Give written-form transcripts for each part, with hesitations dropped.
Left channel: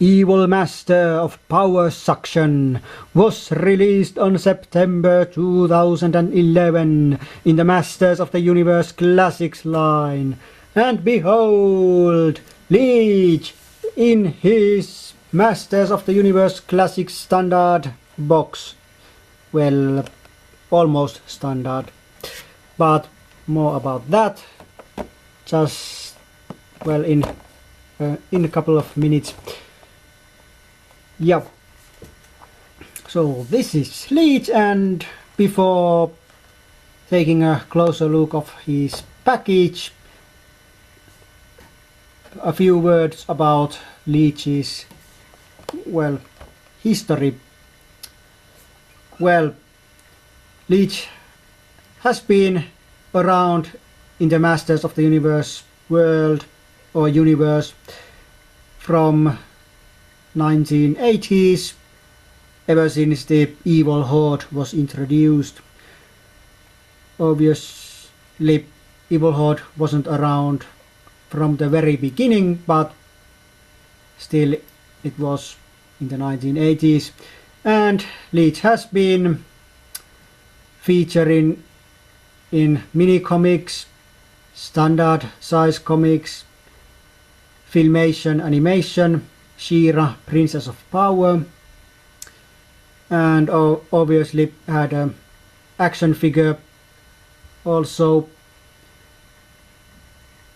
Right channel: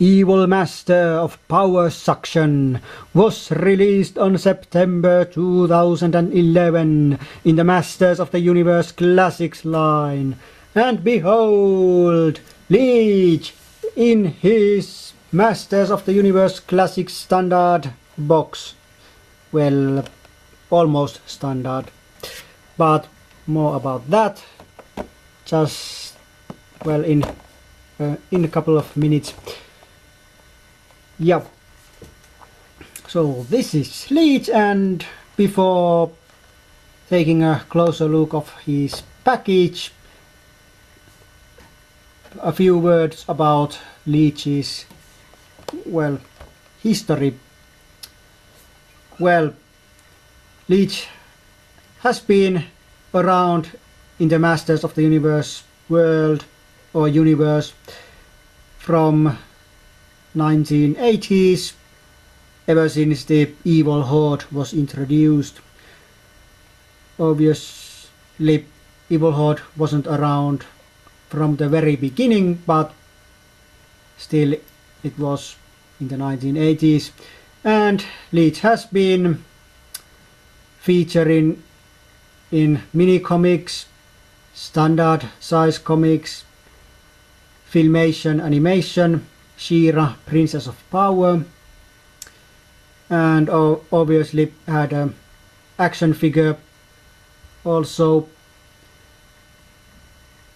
Evil Master of Power Suction was released on September 2011 in the Masters of the Universe Classics line. And behold, Leech in his Masters of the Universe Classics standard box. Well, almost standard, but more about that just, well, in a couple of minutes. Yeah, so this is Leech, and before taking a closer look of his package, a few words about Leech's, well, history. Well, Leech has been around in the Masters of the Universe world or universe from 1980s, ever since the Evil Horde was introduced. Obviously, Evil Horde wasn't around from the very beginning, but still it was in the 1980s. And Leech has been featuring in mini-comics, standard size comics, Filmation animation, She-Ra, Princess of Power, and obviously had an action figure also.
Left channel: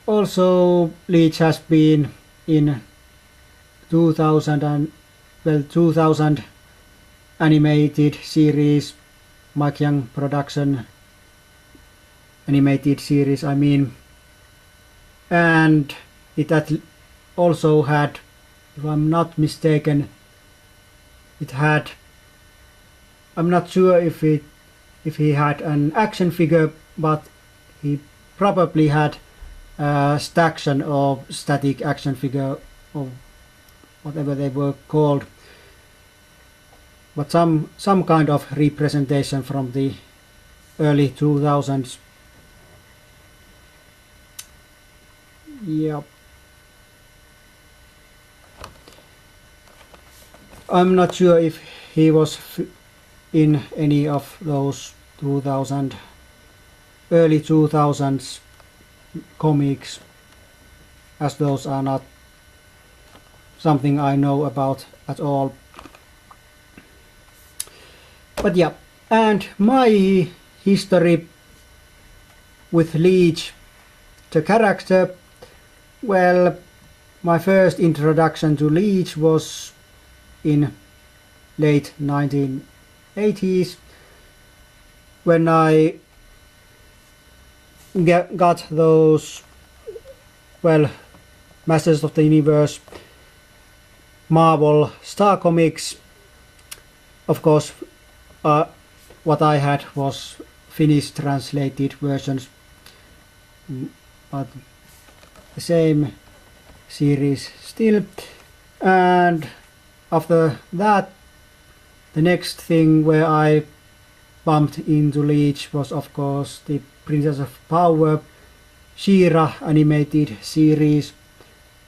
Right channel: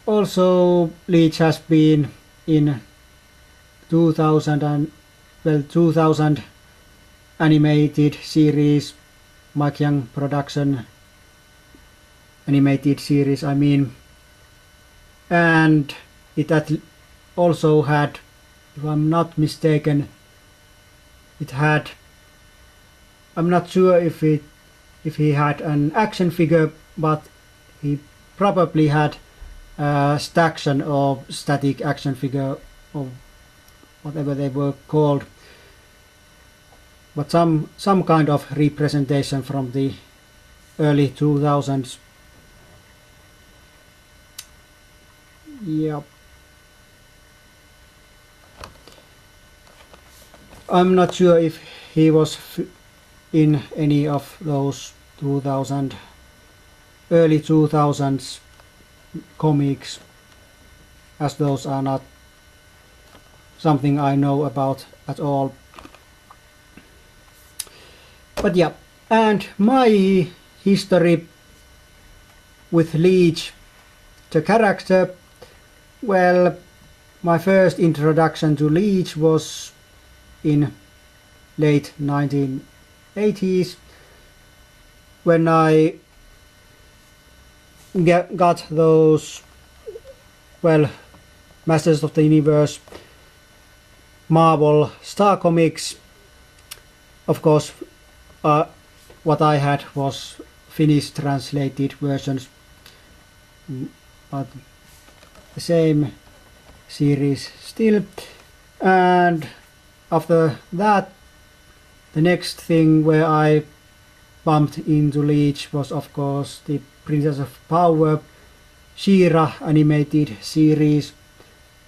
Also, Leech has been in 2000 animated series, Mike Young production animated series, I mean, and it also had, if I'm not mistaken, it had, I'm not sure if he had an action figure, but he probably had a Staction or static action figure or whatever they were called, but some kind of representation from the early 2000s. Yep. I'm not sure if he was in any of those early 2000s comics, as those are not something I know about at all. But yeah, and my history with Leech, the character, well, my first introduction to Leech was in late 1980s when I got those, well, Masters of the Universe Marvel Star Comics. Of course, what I had was Finnish translated versions, but the same series still. And after that, the next thing where I bumped into Leech was, of course, the Princess of Power She-Ra animated series.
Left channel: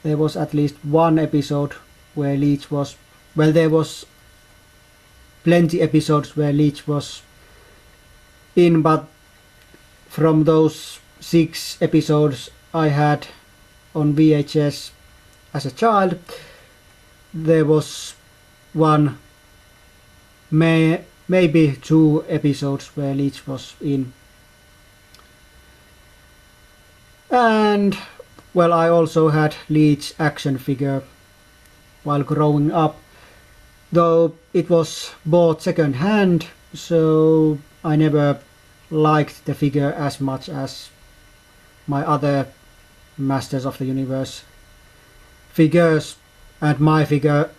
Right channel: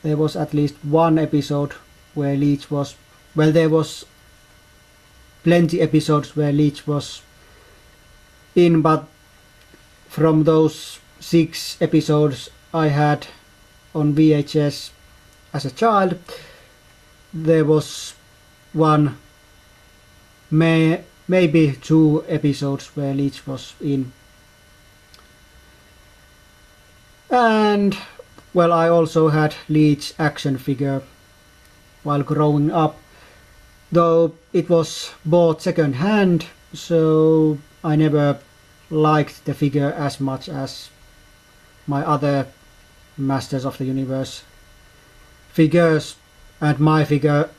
There was at least one episode where Leech was, well, there was plenty episodes where Leech was in, but from those 6 episodes I had on VHS as a child, there was one, maybe 2 episodes where Leech was in. And, well, I also had Leech action figure while growing up, though it was bought second hand, so I never liked the figure as much as my other Masters of the Universe figures, and my figure,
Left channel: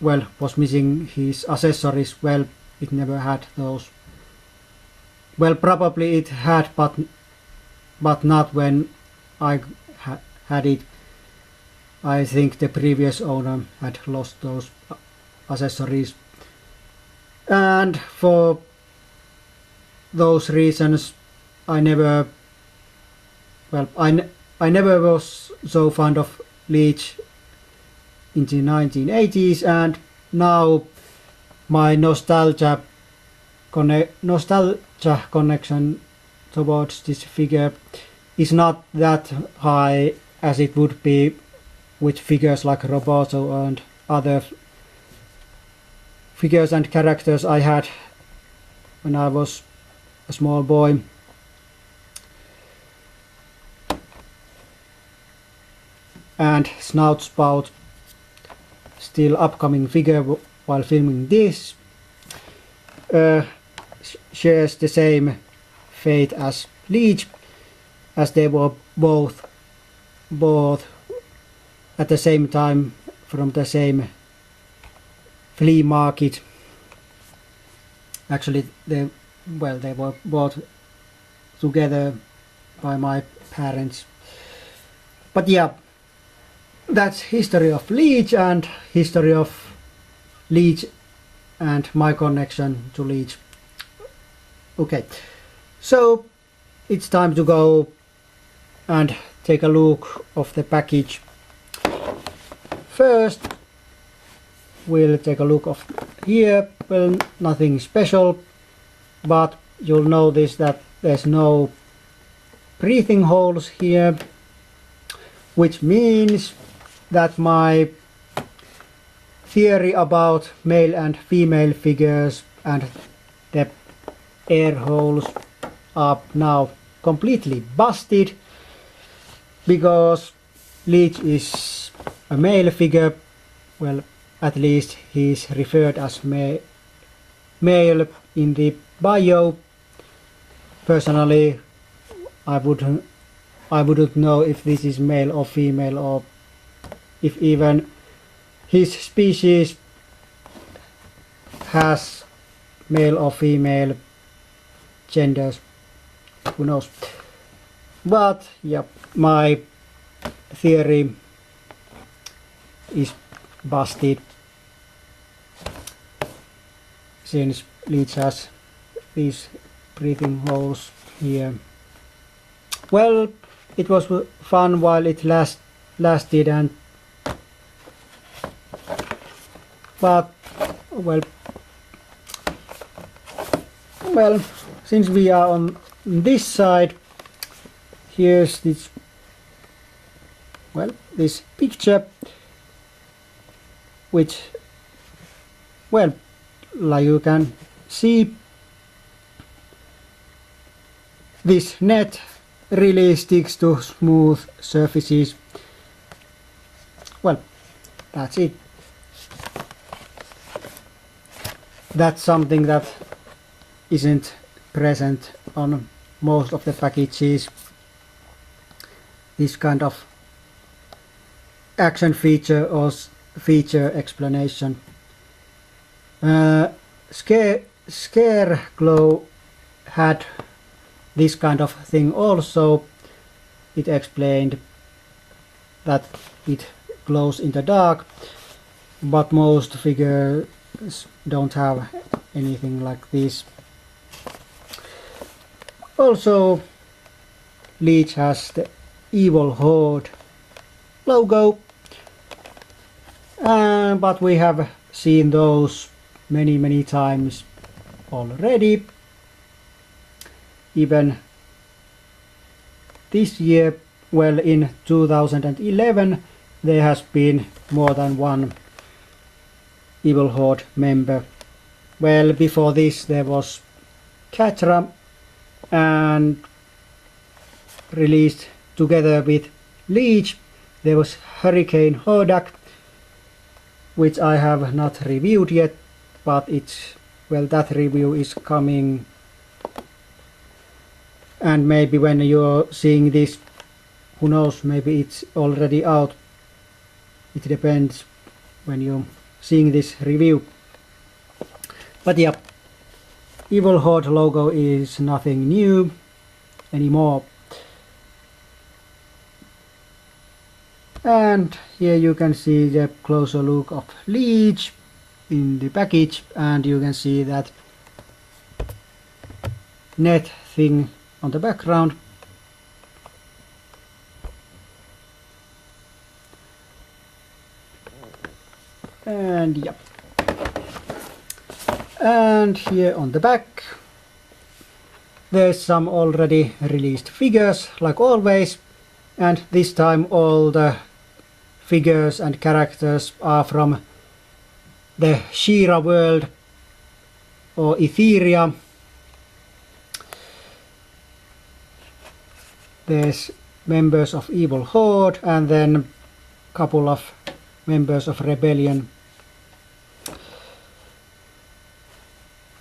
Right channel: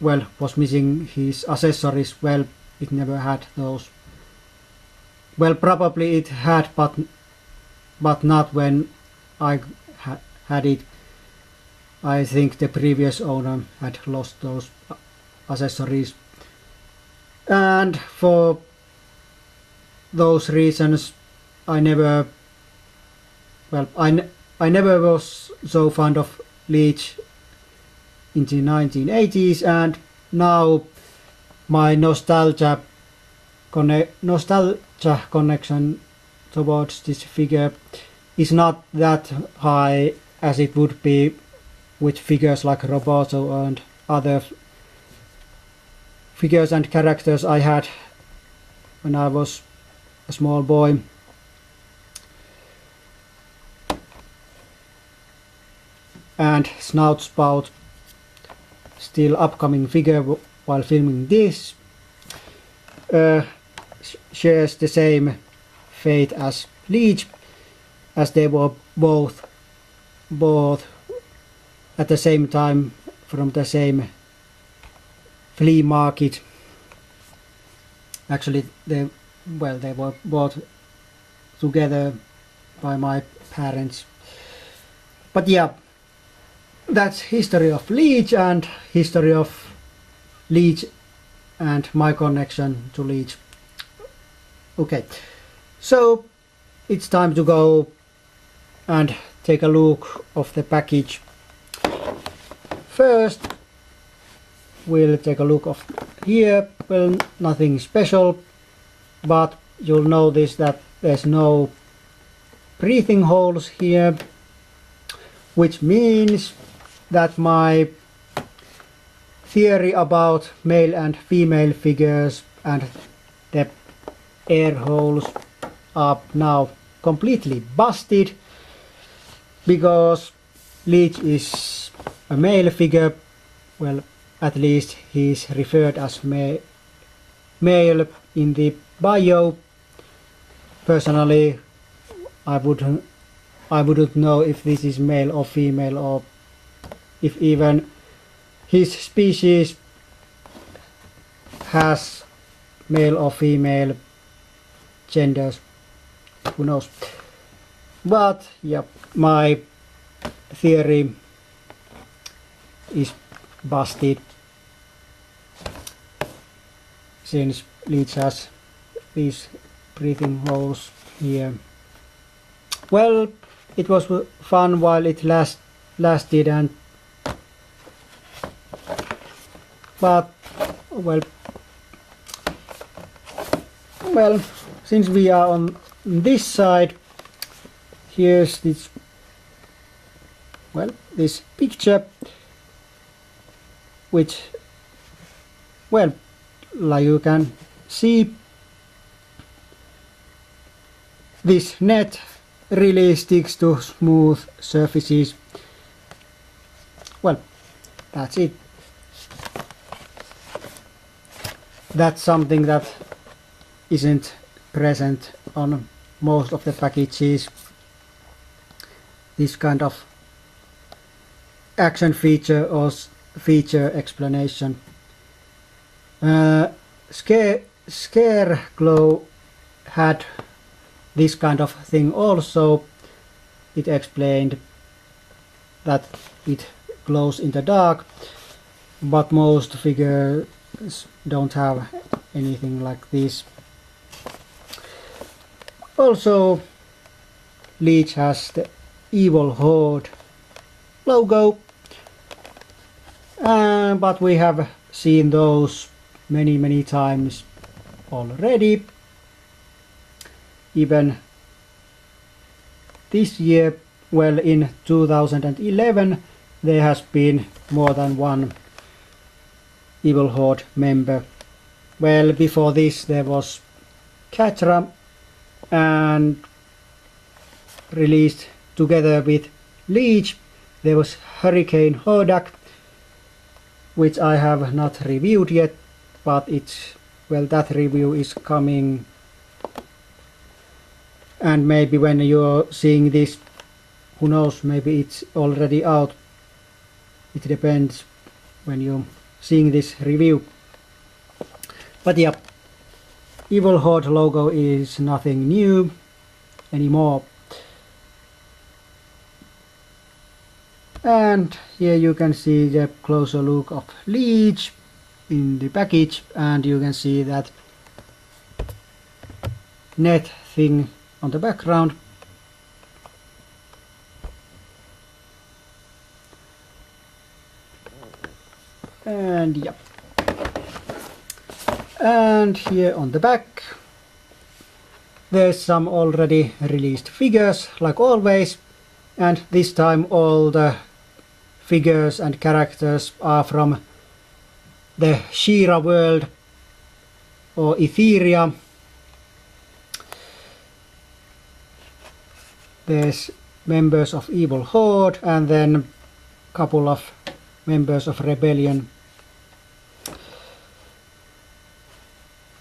well, was missing his accessories. Well, it never had those. Well, probably it had, but not when I had it. I think the previous owner had lost those accessories, and for those reasons I never was so fond of Leech in the 1980s, and now my nostalgia connection towards this figure is not that high as it would be with figures like Roboto and other figures and characters I had when I was a small boy. And Snout Spout, still upcoming figure while filming this, shares the same fate as Leech, as they were both at the same time from the same flea market. Actually, they were bought together by my parents. But yeah, that's history of Leech and history of Leech and my connection to Leech. Okay, so it's time to go and take a look of the package. First, we'll take a look of here. Well, nothing special, but you'll notice that there's no breathing holes here, which means that my theory about male and female figures and the air holes are now completely busted, because Leech is a male figure. Well, at least he's referred as male in the bio. Personally, I wouldn't know if this is male or female, or if even his species has male or female genders. Who knows? But yeah, my theory is busted, since Leech has these breathing holes here. Well, it was fun while it lasted, and but well, since we are on this side, here's this picture, which, well, like you can see, this net really sticks to smooth surfaces. Well, that's it. That's something that isn't present on most of the packages. This kind of action feature or feature explanation. Scareglow had this kind of thing also. It explained that it glows in the dark, but most figures don't have anything like this. Also, Leech has the Evil Horde logo, but we have seen those many times already. Even this year, well, in 2011, there has been more than one Evil Horde member. Well, before this there was Catra, and released together with Leech there was Hurricane Hordak, which I have not reviewed yet, but that review is coming, and maybe when you're seeing this, who knows, maybe it's already out. It depends when you're seeing this review. But yeah, Evil Horde logo is nothing new anymore. And here you can see the closer look of Leech in the package, and you can see that net thing on the background. And yeah. And here on the back there's some already released figures like always, and this time all the figures and characters are from the She-Ra world or Etheria. There's members of Evil Horde and then a couple of members of Rebellion.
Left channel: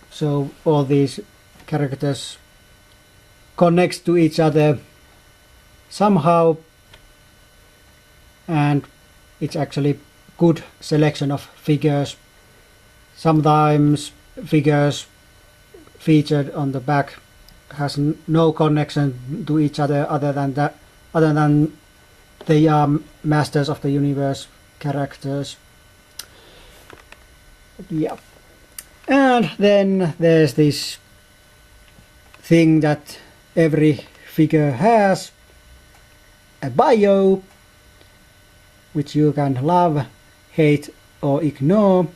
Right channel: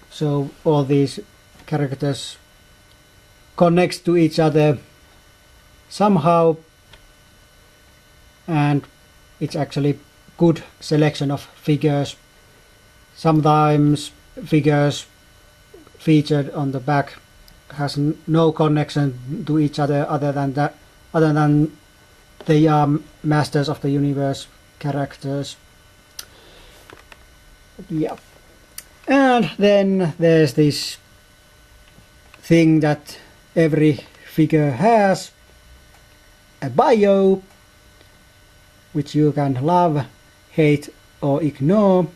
So all these characters connect to each other somehow, and it's actually good selection of figures. Sometimes figures featured on the back has no connection to each other other than they are Masters of the Universe characters. Yeah. And then there's this thing that every figure has, a bio, which you can love, hate or ignore.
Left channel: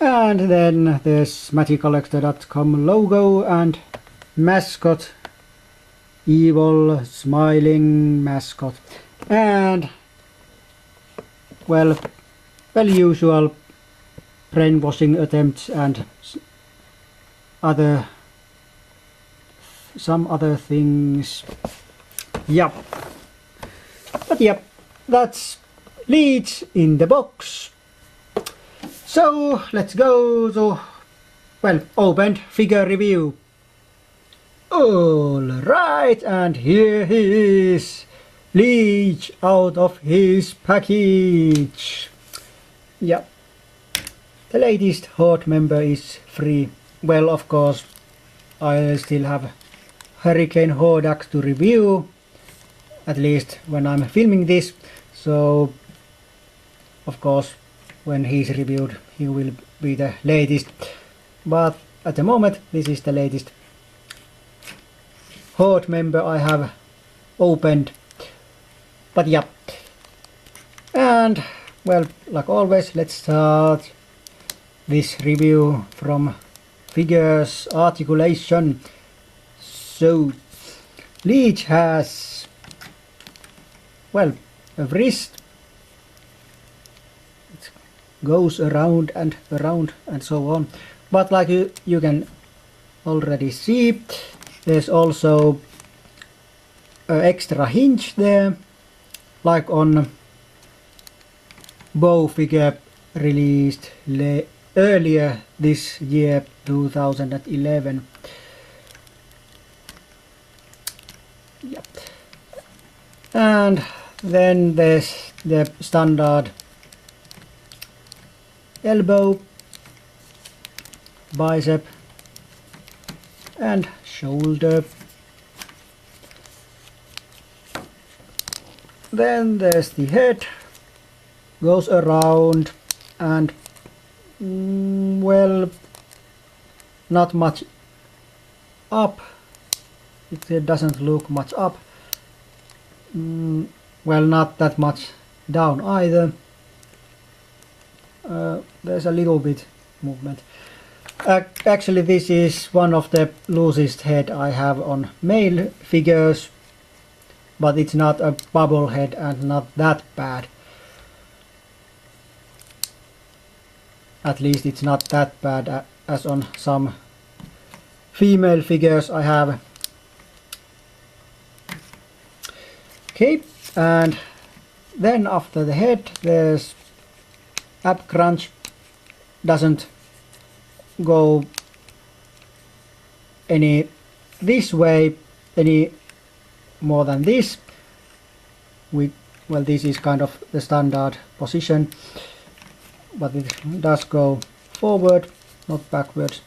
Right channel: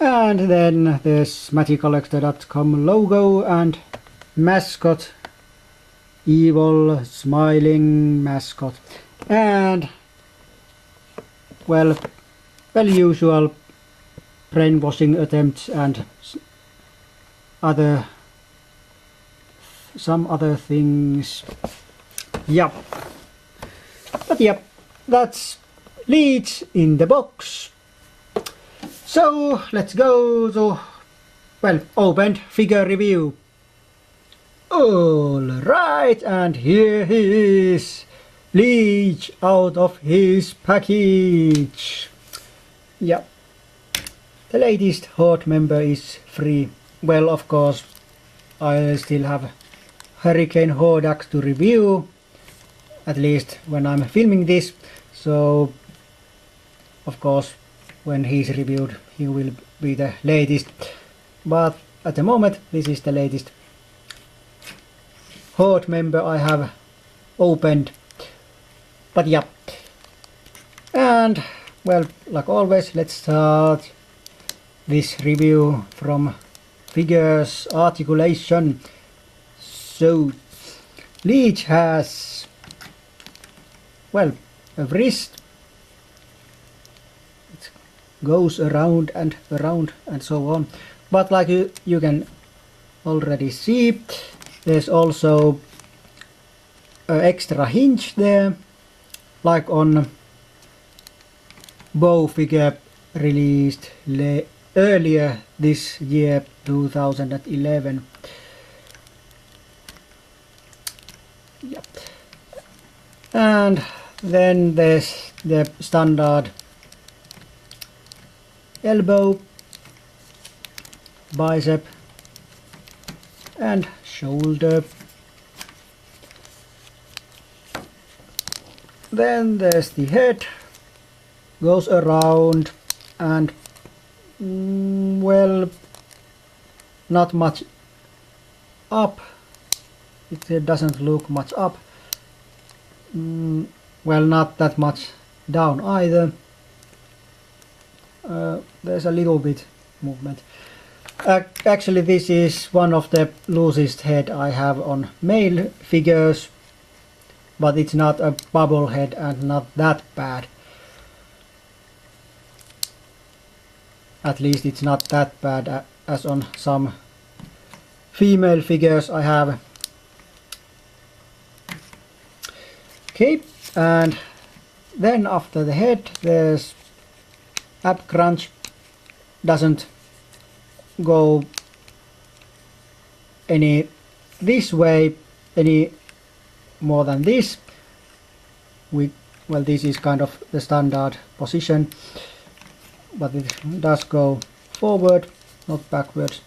And then there's MagicCollector.com logo and mascot, evil smiling mascot, and well usual brainwashing attempts and some other things. Yep. But yep, that's Leech in the box. So let's go to, well, opened figure review. Alright, and here he is, Leech out of his package. Yep. The latest Horde member is free. Well, of course, I still have Hurricane Hordak to review, at least when I'm filming this, so of course when he's reviewed he will be the latest, but at the moment this is the latest Horde member I have opened. But yeah, and well, like always, let's start this review from figures articulation. So Leech has, well, a wrist. It goes around and so on, but like you can already see, there's also an extra hinge there, like on bow figure released earlier this year, 2011. Yep. And then there's the standard elbow, bicep and shoulder. Then there's the head, goes around and well, not much up. It doesn't look much up. Well, not that much down either. There's a little bit movement. Actually, this is one of the loosest head I have on male figures, but it's not a bubble head and not that bad. At least it's not that bad as on some female figures I have. Okay, and then after the head there's ab crunch. Doesn't go any this way any more than this. Well, this is kind of the standard position, but it does go forward, not backwards.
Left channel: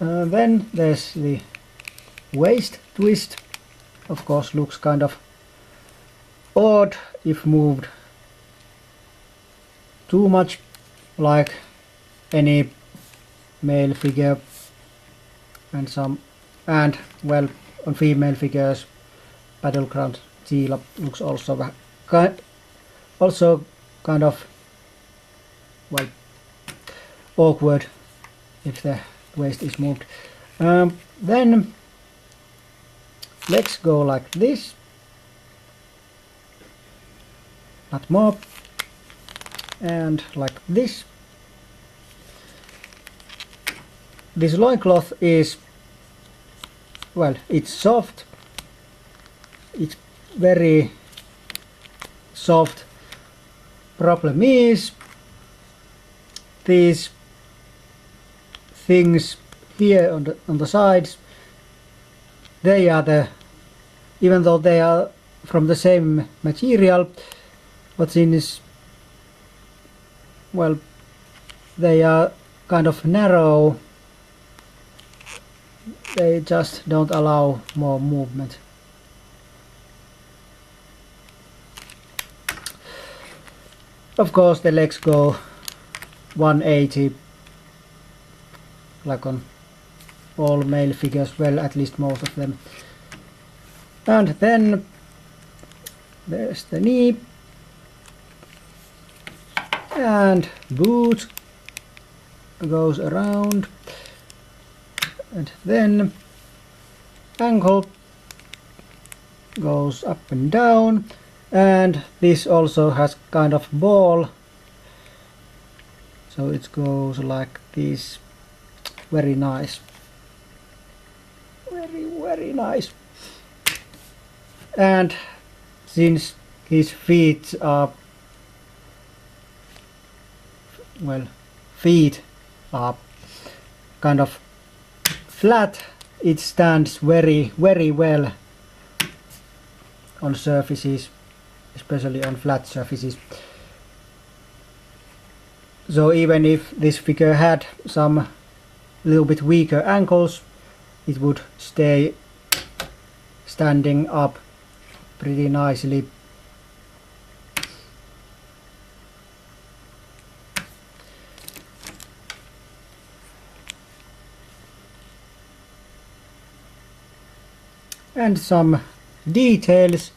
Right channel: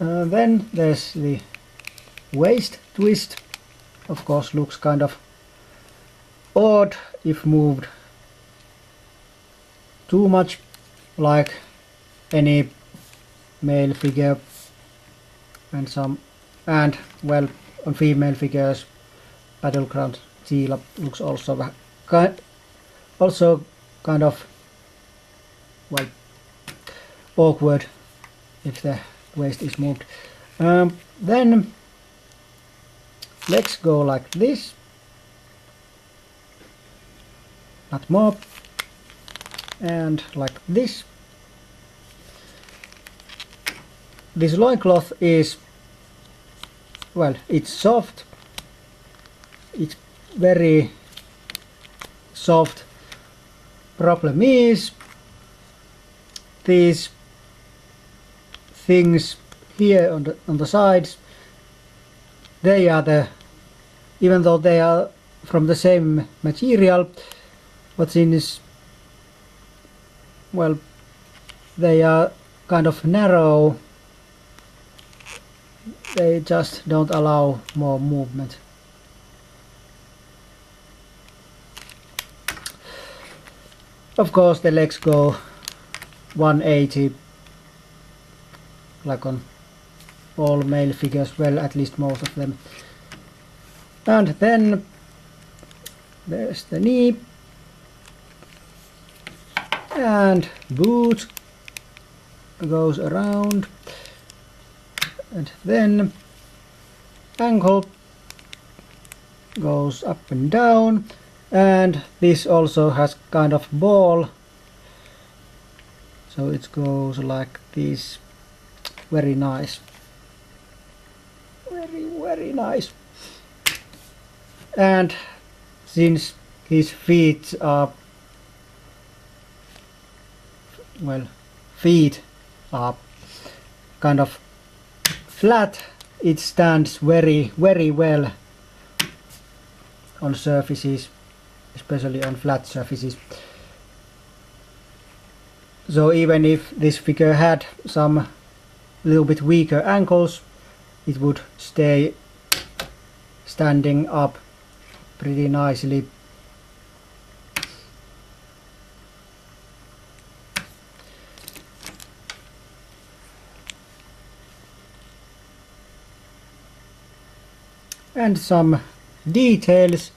Then there's the waist twist. Of course, looks kind of odd if moved too much, like any male figure and some, and well, on female figures, battleground Tila looks also kind of, well, awkward if the waist is moved. Then legs go like this, not more, and like this. This loincloth is, well, it's soft, it's very soft. Problem is these things here on the sides, they are the, even though they are from the same material, but since, well, they are kind of narrow, they just don't allow more movement. Of course the legs go 180 like on all male figures, well, at least most of them. And then there's the knee and boot goes around, and then ankle goes up and down, and this also has kind of ball, so it goes like this. Very nice, very nice. And since his feet are, well, feet are kind of flat, it stands very well on surfaces, especially on flat surfaces. So even if this figure had some little bit weaker ankles, it would stay standing up pretty nicely. And some details,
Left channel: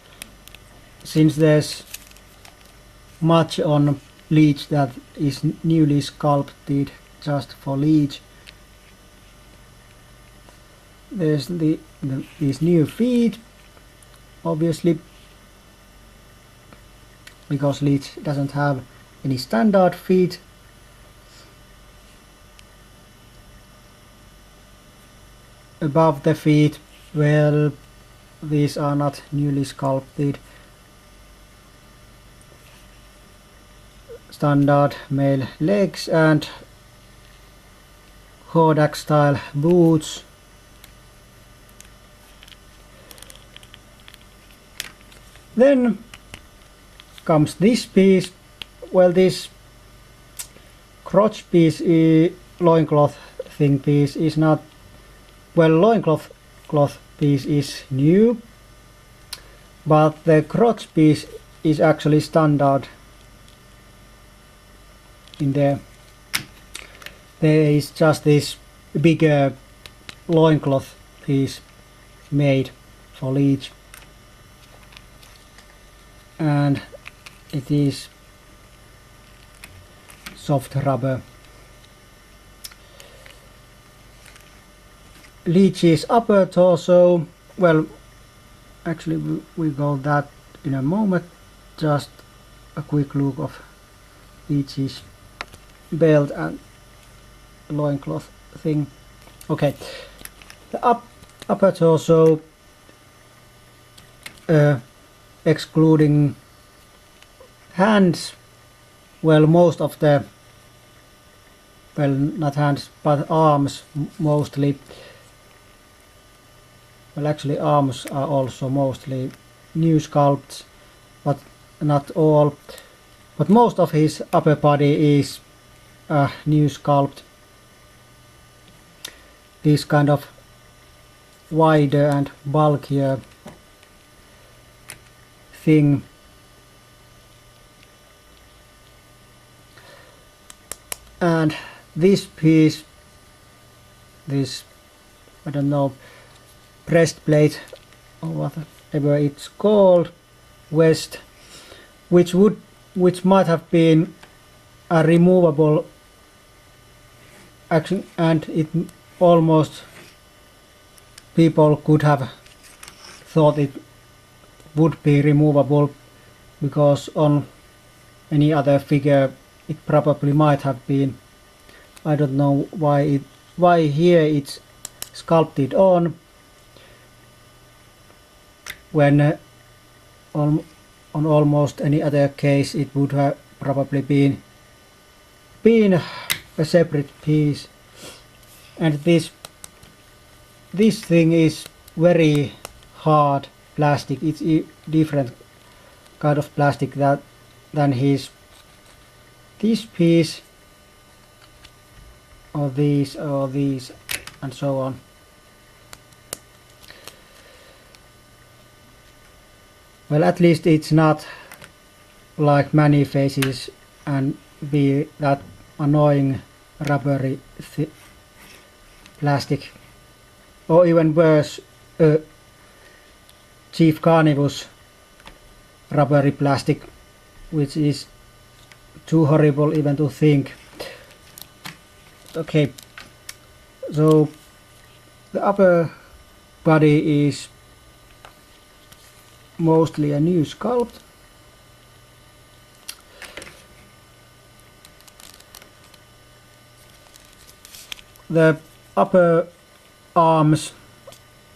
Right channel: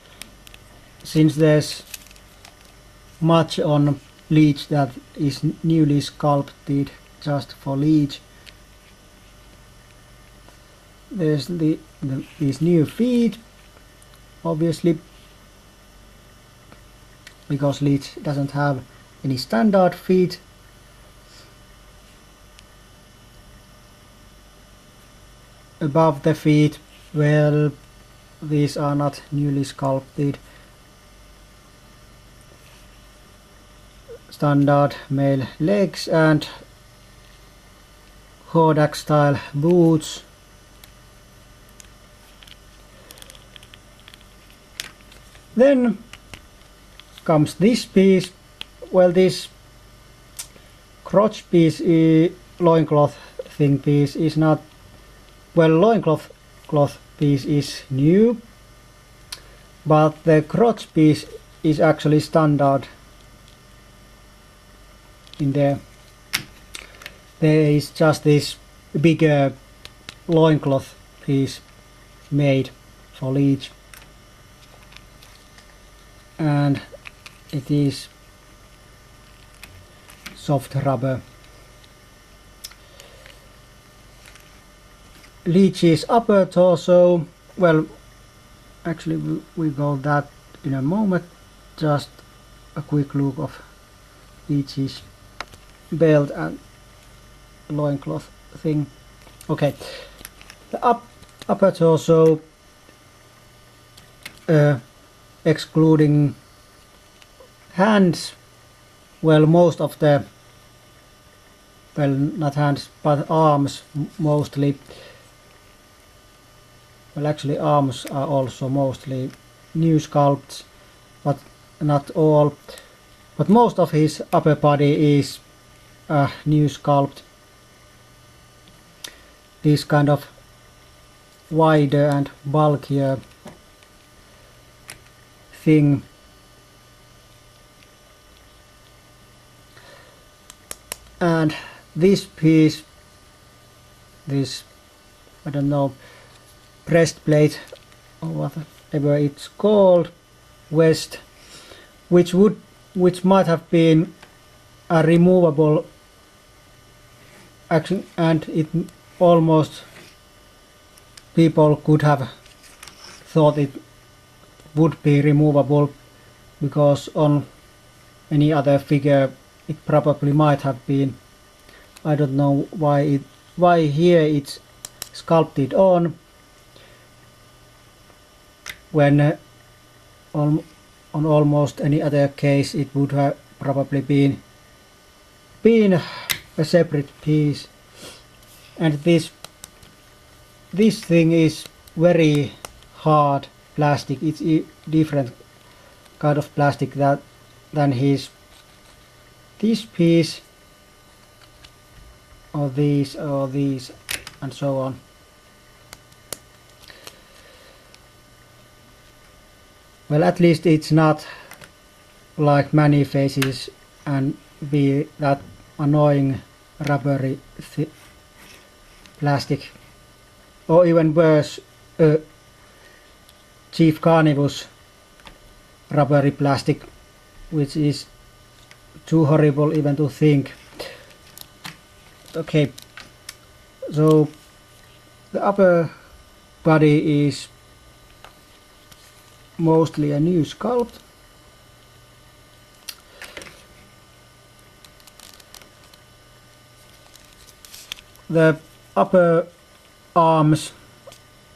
since there's much on Leech that is newly sculpted just for Leech. There's these new feet, obviously, because Leech doesn't have any standard feet. Above the feet, well, these are not newly sculpted. Standard male legs and Hordak style boots. Then comes this piece. Well, this crotch piece, loincloth thing piece is not, well, loincloth piece is new, but the crotch piece is actually standard in there. There is just this bigger loincloth piece made for Leech, and it is soft rubber. Leech's upper torso, well, actually we go that in a moment. Just a quick look of Leech's belt and loincloth thing. Okay, the upper torso, excluding hands, well, most of the, well, not hands but arms mostly, well, actually arms are also mostly new sculpts, but not all, but most of his upper body is a new sculpt. This kind of wider and bulkier thing. And this piece, this I don't know, breastplate or whatever it's called, vest, which might have been a removable action, and it almost people could have thought it would be removable, because on any other figure it probably might have been. I don't know why here it's sculpted on, when on almost any other case it would have probably been a separate piece. And this thing is very hard plastic. It's a different kind of plastic than this piece, or these and so on. Well, at least it's not like many faces and be that annoying rubbery plastic, or even worse, Chief Carnivus rubbery plastic, which is too horrible even to think. Okay, so the upper body is mostly a new sculpt. The upper arms,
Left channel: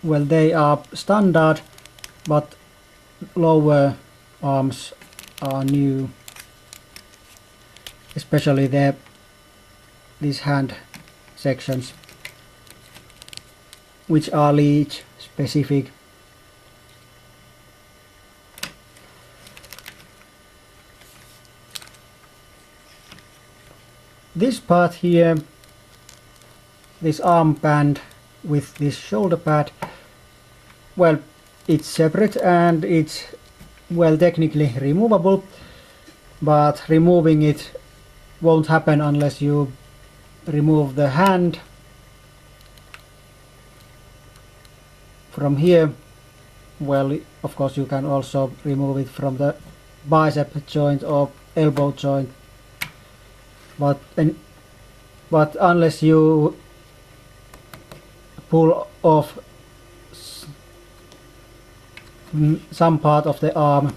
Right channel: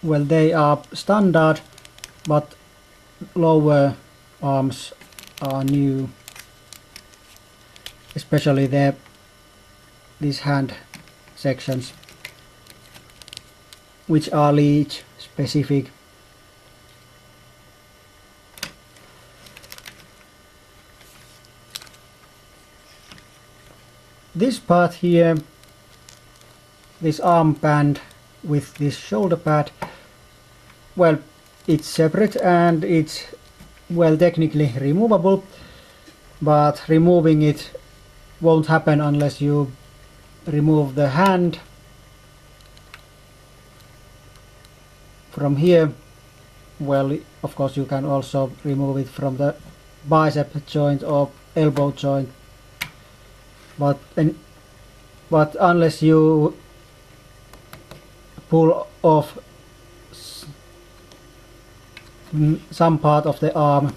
well, they are standard, but lower arms are new, especially these hand sections, which are Leech specific. This part here, this armband with this shoulder pad, well, it's separate and it's, well, technically removable, but removing it won't happen unless you remove the hand from here. Well, of course you can also remove it from the bicep joint or elbow joint, but unless you pull off some part of the arm,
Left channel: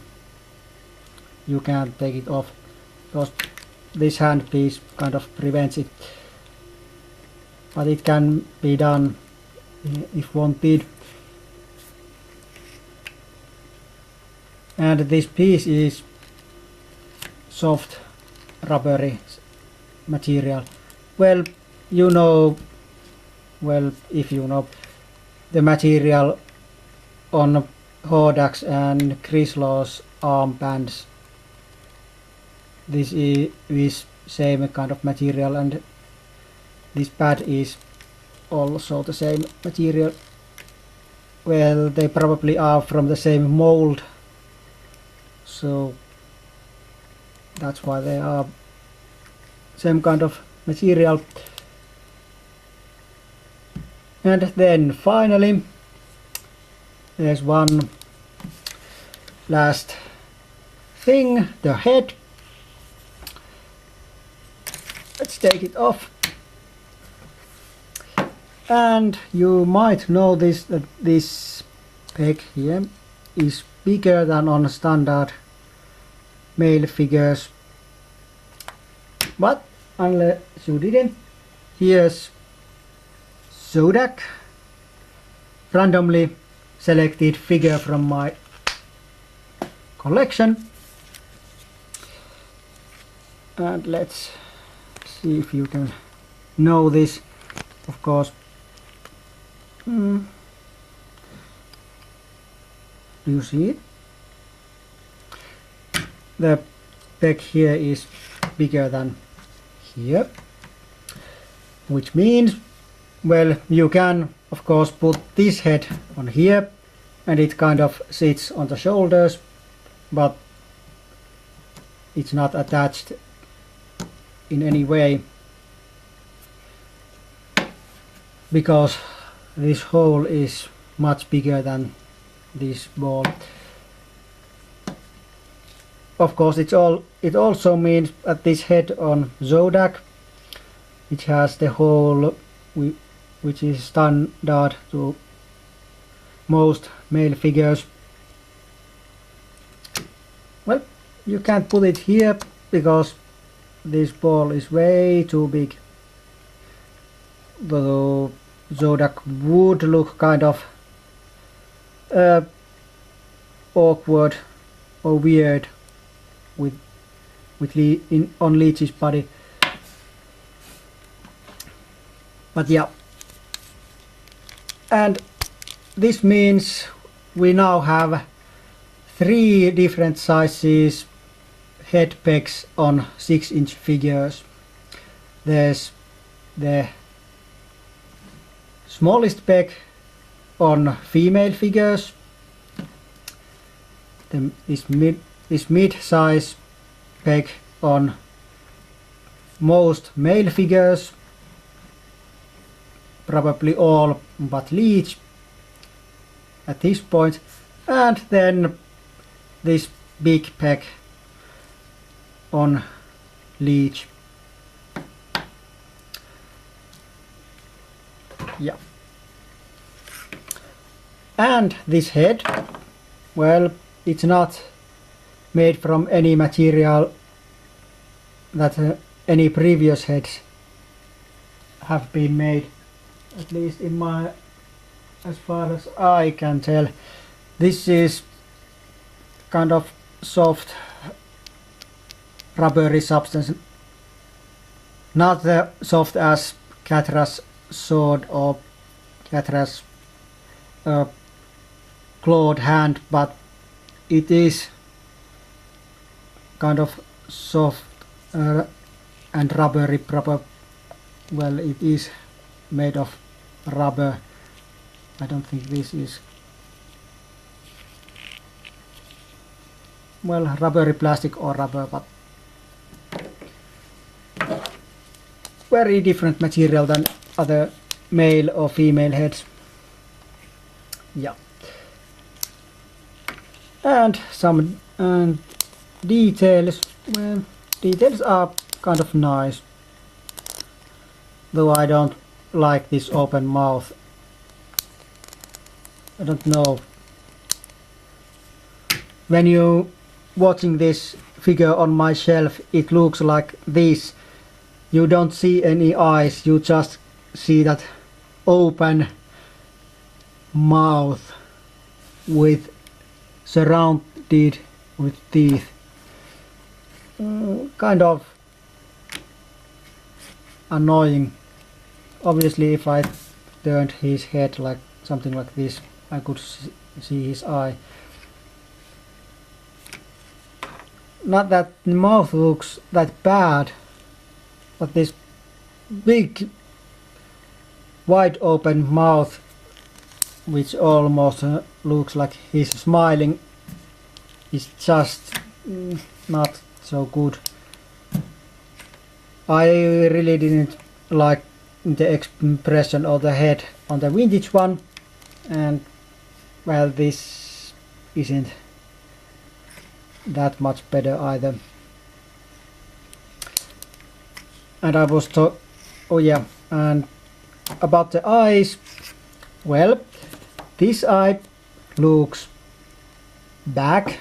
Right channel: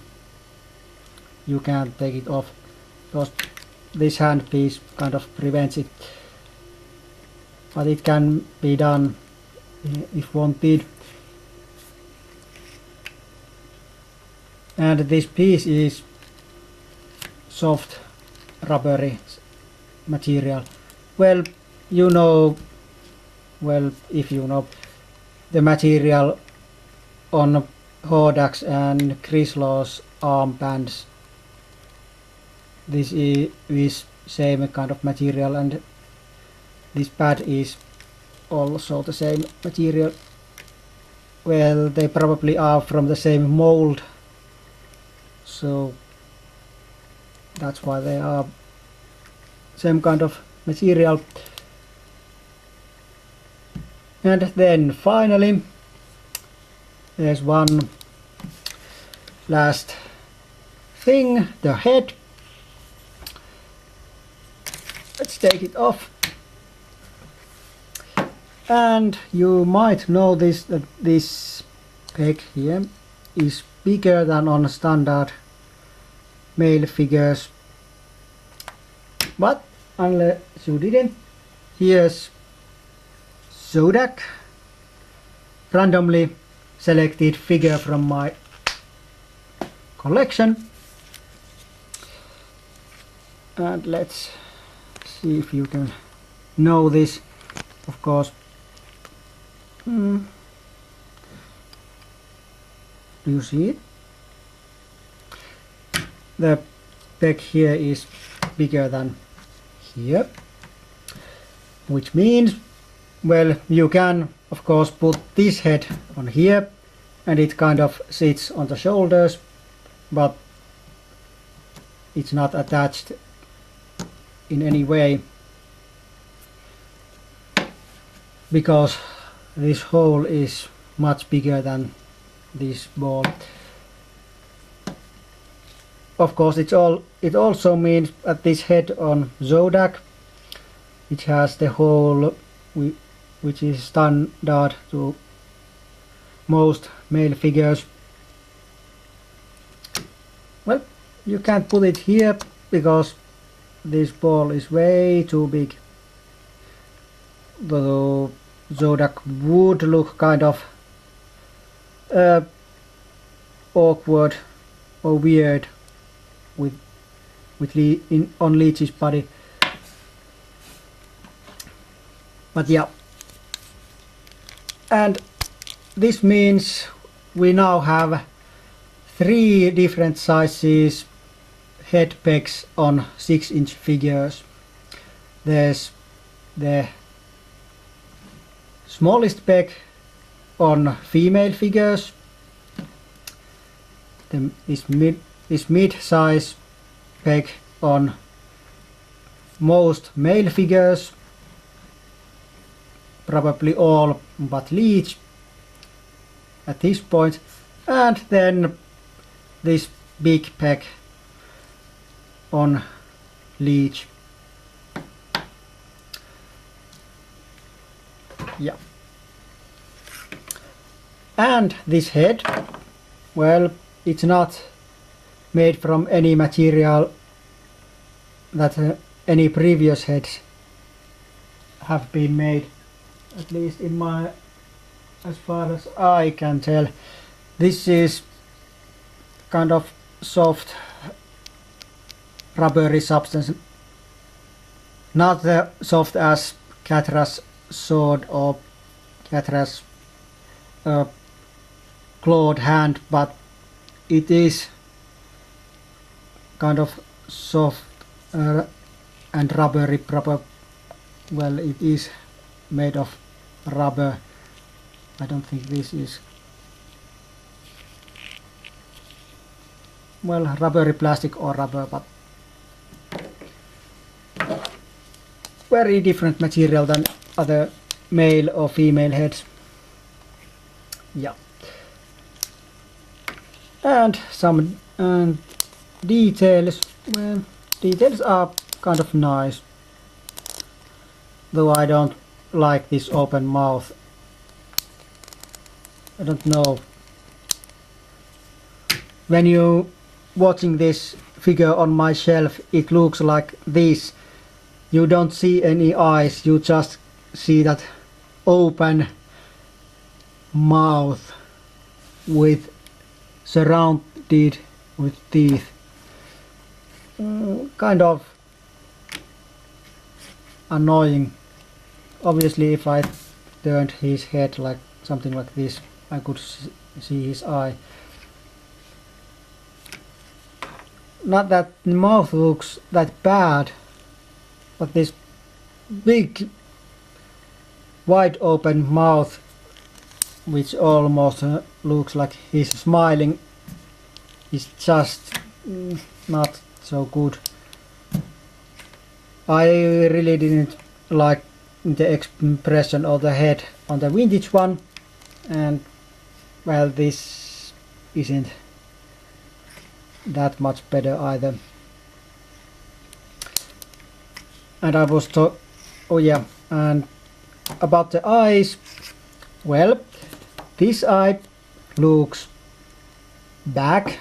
you can't take it off, because this hand piece kind of prevents it. But it can be done if wanted. And this piece is soft rubbery material. Well, you know, well, if you know the material on Hodak's and Chryslaw's armbands, this is same kind of material, and this pad is also the same material. Well, they probably are from the same mold, so that's why they are same kind of material. And then finally there's one last thing, the head. Let's take it off. And you might notice that this peg here is bigger than on standard male figures, but unless you didn't, here's Zodak, randomly selected figure from my collection. And let's see if you can know this. Of course, you see it? The peg here is bigger than here, which means, well, you can of course put this head on here and it kind of sits on the shoulders, but it's not attached in any way, because this hole is much bigger than this ball. Of course, it also means that this head on Zodak, it has the hole which is standard to most male figures. Well, you can't put it here because this ball is way too big. The Zodak would look kind of awkward or weird on Leech's body. But yeah, and this means we now have 3 different sizes head pegs on 6-inch figures. There's the smallest peg on female figures, this mid-size peg on most male figures, probably all but Leech at this point, and then this big peg on Leech. Yeah. And this head, well, it's not made from any material that any previous heads have been made, at least in my, as far as I can tell. This is kind of soft rubbery substance, not the soft as Catra's sword or Catra's clawed hand, but it is kind of soft and rubbery. Well, it is made of rubber. I don't think this is, well, rubbery plastic or rubber, but very different material than other male or female heads. Yeah. And some details. Well, details are kind of nice, though I don't like this open mouth. I don't know. When you watching this figure on my shelf, it looks like this. You don't see any eyes, you just see that open mouth with surrounded with teeth. Kind of annoying. Obviously, if I turned his head like something like this, I could see his eye. Not that the mouth looks that bad, but this big wide open mouth, which almost looks like he's smiling, is just not so good. I really didn't like the expression of the head on the vintage one, and well, this isn't that much better either. And I was oh yeah, and about the eyes, well, this eye looks back,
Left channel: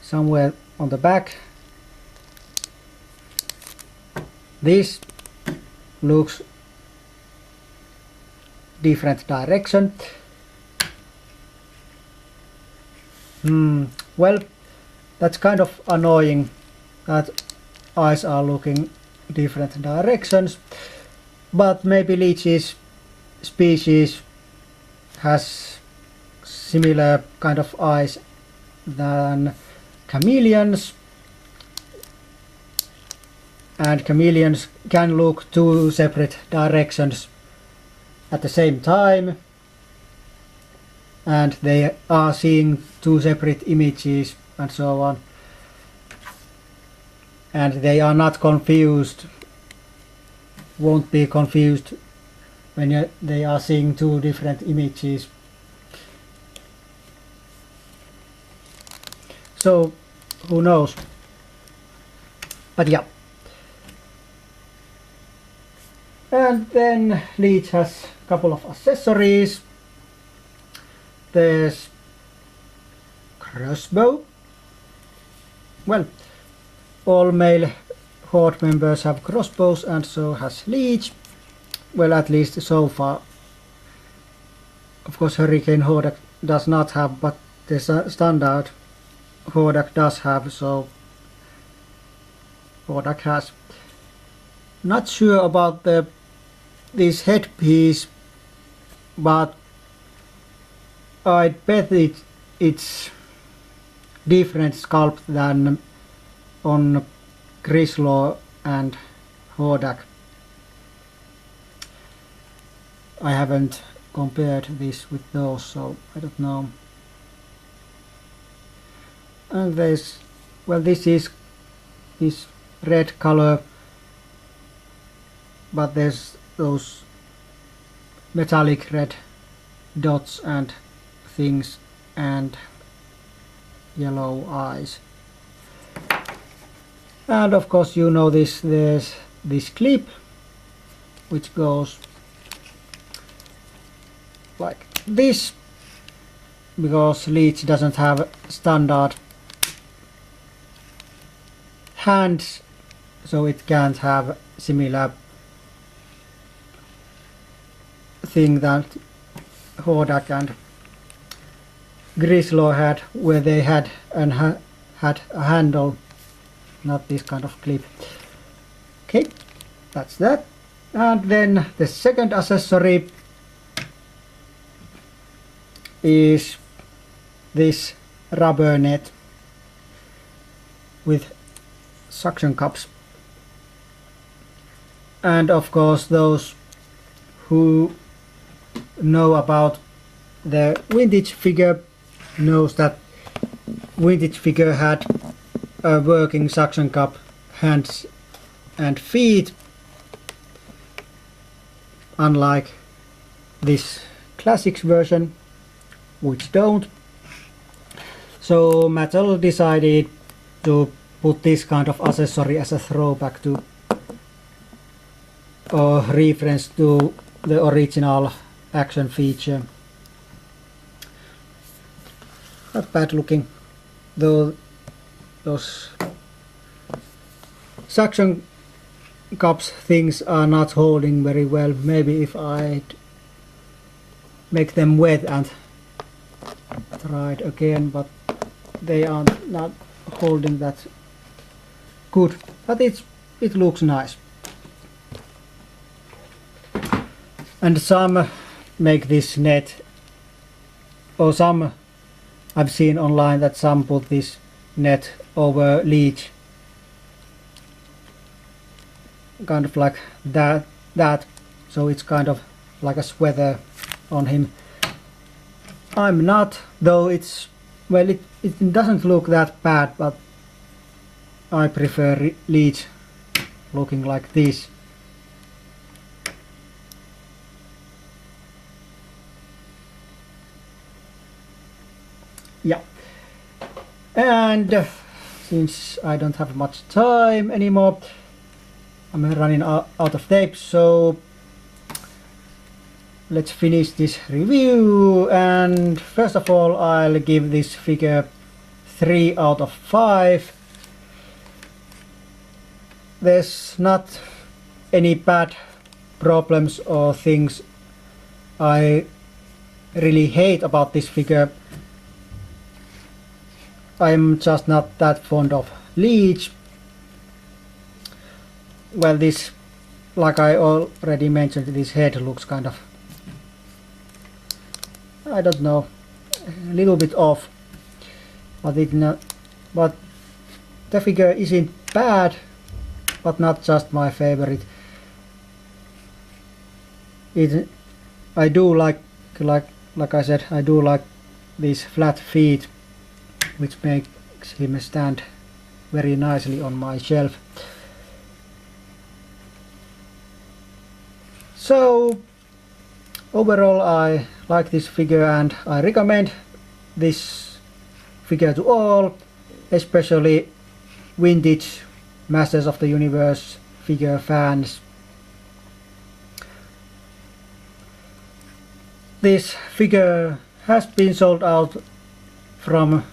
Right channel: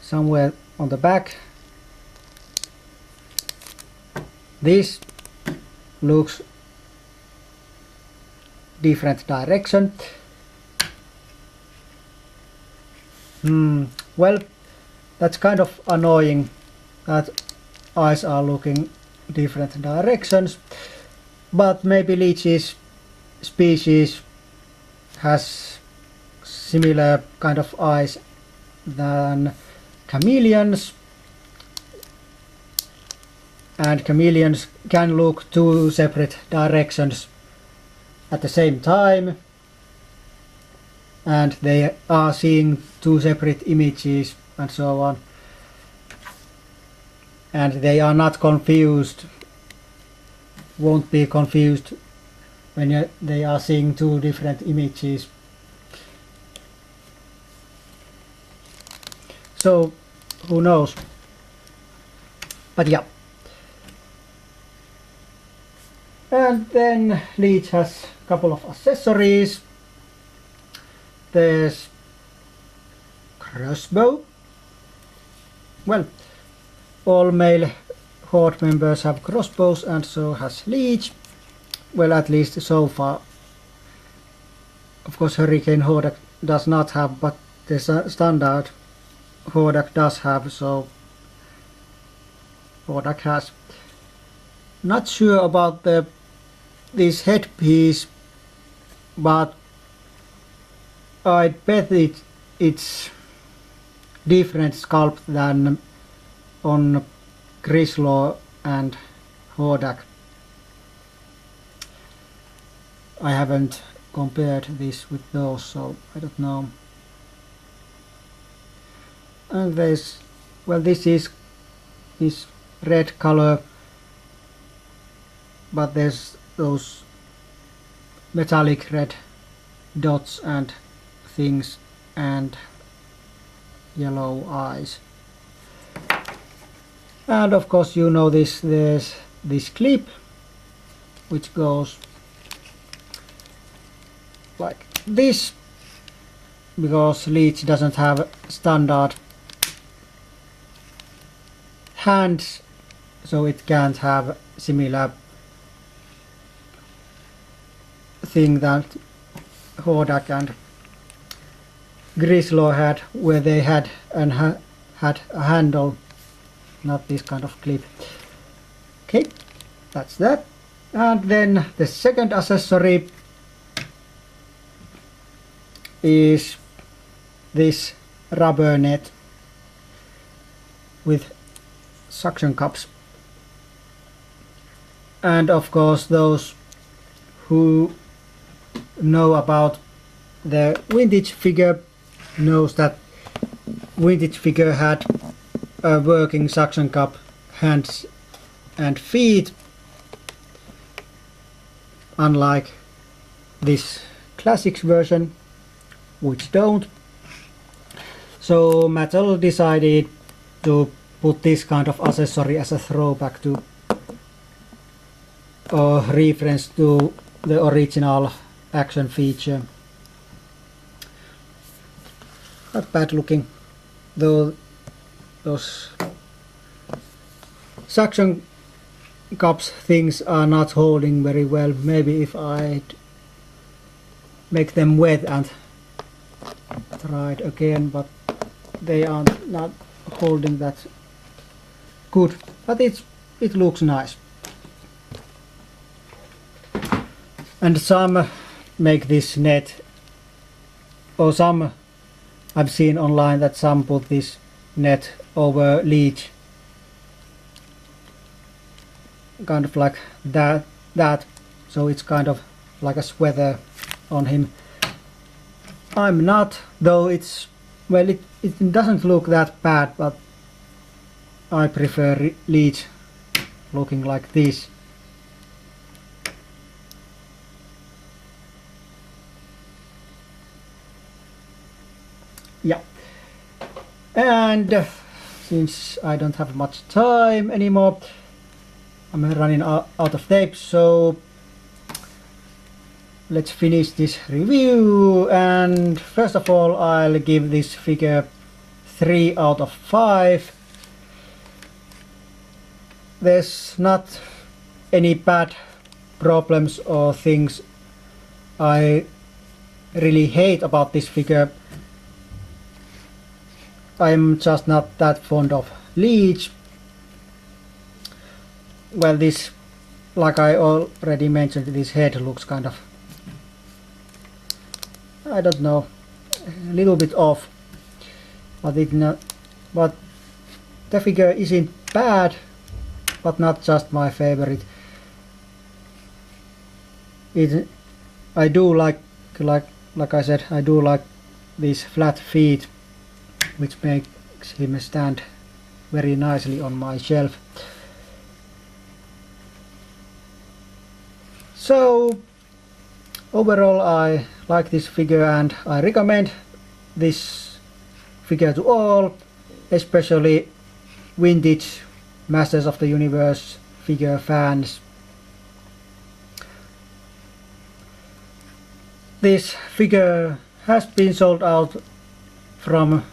somewhere on the back. This looks different direction. Well, that's kind of annoying that eyes are looking different directions, but maybe Leech's species has similar kind of eyes than chameleons, and chameleons can look 2 separate directions at the same time, and they are seeing 2 separate images and so on, and they are not confused, won't be confused when they are seeing two different images. So who knows? But yeah. And then Leech has a couple of accessories. There's crossbow. Well, all male Horde members have crossbows, and so has Leech. Well, at least so far. Of course, Hurricane Hordak does not have, but the standard Hordak does have, so Hordak has. Not sure about this headpiece, but I bet it's different sculpt than on Grislaw and Hordak. I haven't compared this with those, so I don't know. And there's, well, this is red color, but there's those metallic red dots and things and yellow eyes. And of course, you know this, there's this clip which goes like this, because Leech doesn't have standard hands, so it can't have similar thing that Hordak and Grislaw had, where they had had a handle, not this kind of clip. Okay, that's that. And then the second accessory is this rubber net with suction cups. And of course, those who know about the vintage figure knows that vintage figure had a working suction cup hands and feet, unlike this classics version, which don't. So Mattel decided to put this kind of accessory as a throwback to or reference to the original action feature. Not bad looking, though those suction cups things are not holding very well. Maybe if I make them wet and try it again, but they are not holding that good. But it looks nice. And some make this net, or some I've seen online that some put this net over Leech, kind of like that, so it's kind of like a sweater on him. I'm not, though it's, well, it doesn't look that bad, but I prefer Leech looking like this. Yeah, and since I don't have much time anymore, I'm running out of tape, so let's finish this review. And first of all, I'll give this figure 3 out of 5. There's not any bad problems or things I really hate about this figure. I'm just not that fond of Leech. Well, this, like I already mentioned, this head looks kind of, I don't know, a little bit off, but but the figure isn't bad, but not just my favorite. I do like I said, I do like these flat feet, which makes him stand very nicely on my shelf. So overall I like this figure and I recommend this figure to all, especially vintage Masters of the Universe figure fans. This figure has been sold out from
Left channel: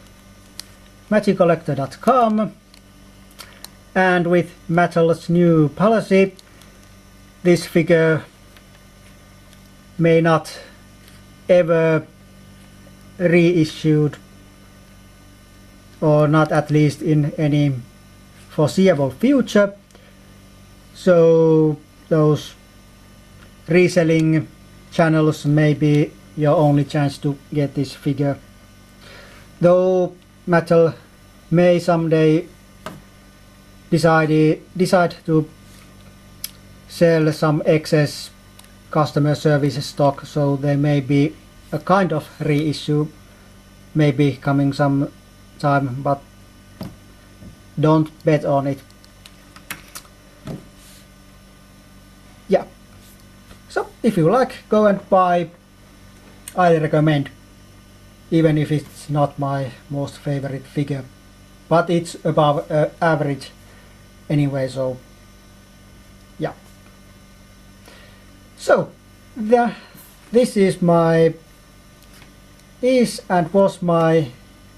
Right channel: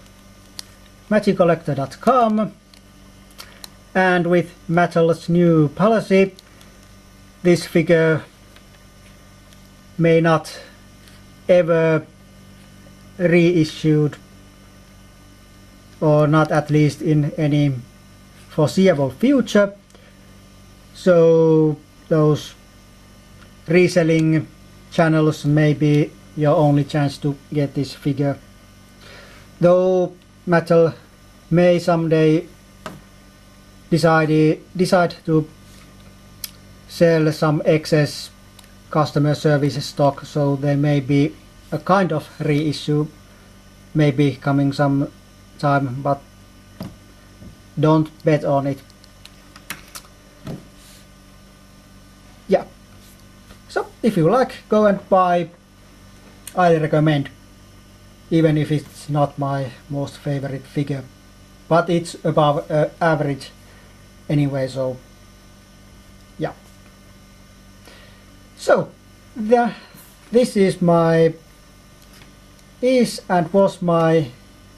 magiccollector.com, and with Mattel's new policy, this figure may not ever reissued, or not at least in any foreseeable future, so those reselling channels may be your only chance to get this figure. Though Mattel may someday decide to sell some excess customer service stock, so there may be a kind of reissue maybe coming some time, but don't bet on it. Yeah, so if you like, go and buy. I recommend, even if it's not my most favorite figure, but it's above average anyway, so yeah. So this and was my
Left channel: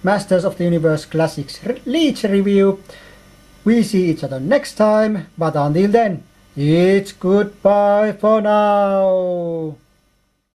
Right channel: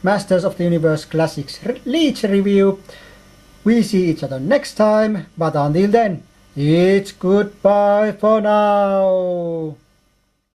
Masters of the Universe Classics Leech review. We see each other next time, but until then, it's goodbye for now.